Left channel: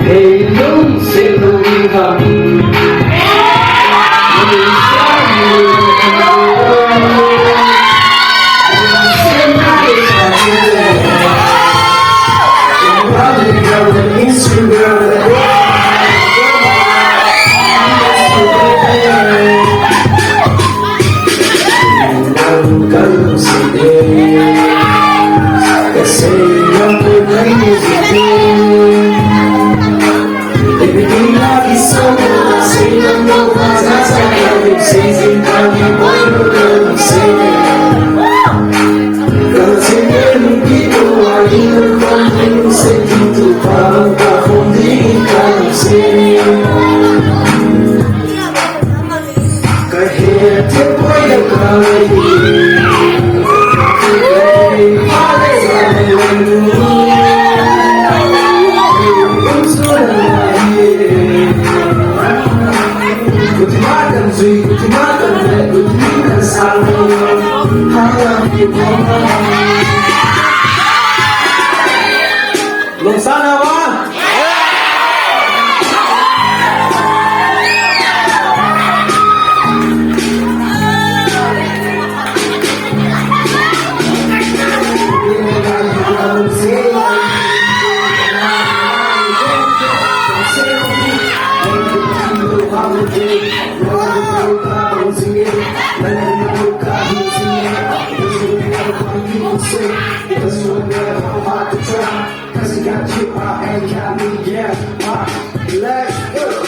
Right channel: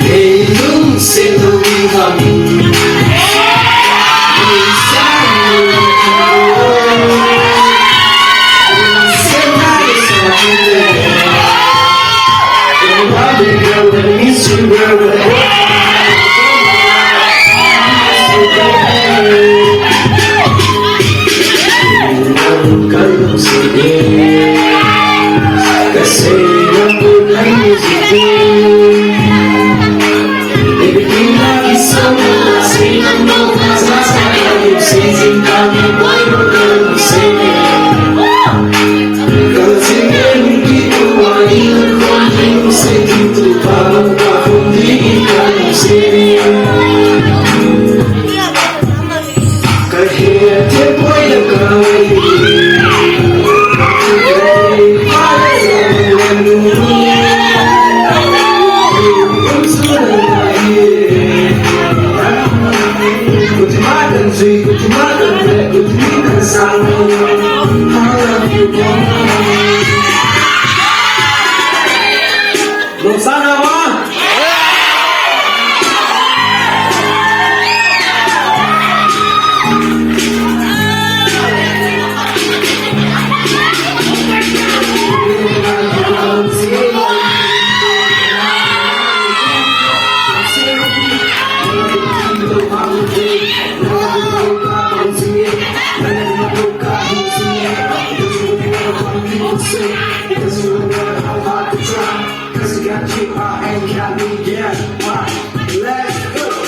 Để đúng sẽ không thầm vì sao người sẽ mãi xa người don't worry girl I miss you girl Kalunhset kasi ako ngayon everything lagi sama silang mawasa sa Kalunhset kami boy no Kalunhset kasi hindi ko maiwan kung Kalunhset dito pa magkakundi Kalunhset kahit tepoy na kayo Lunzy, sana ba? Because you would never know how to try. Cause you got you out and got me, yeah. Let's go.